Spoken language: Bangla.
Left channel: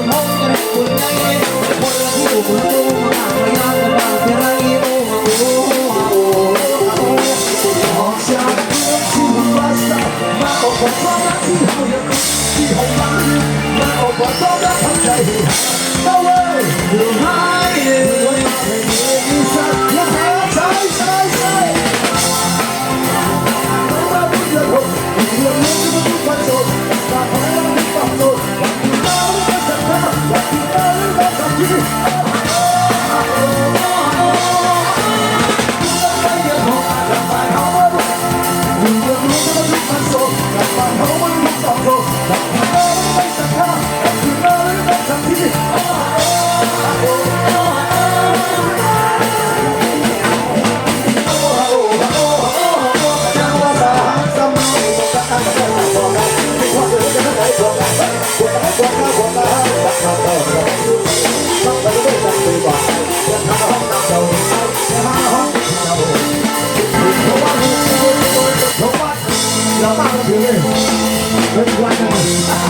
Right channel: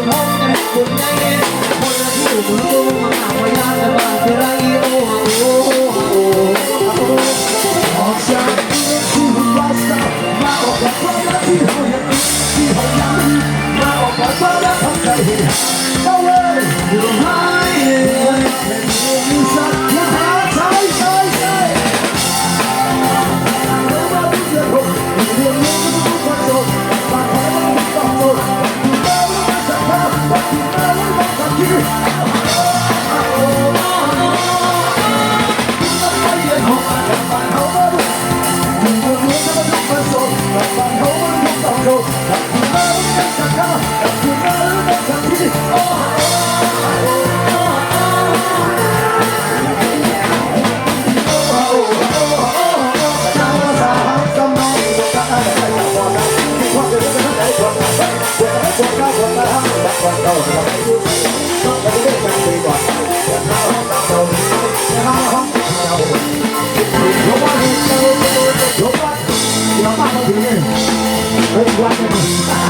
ผ you.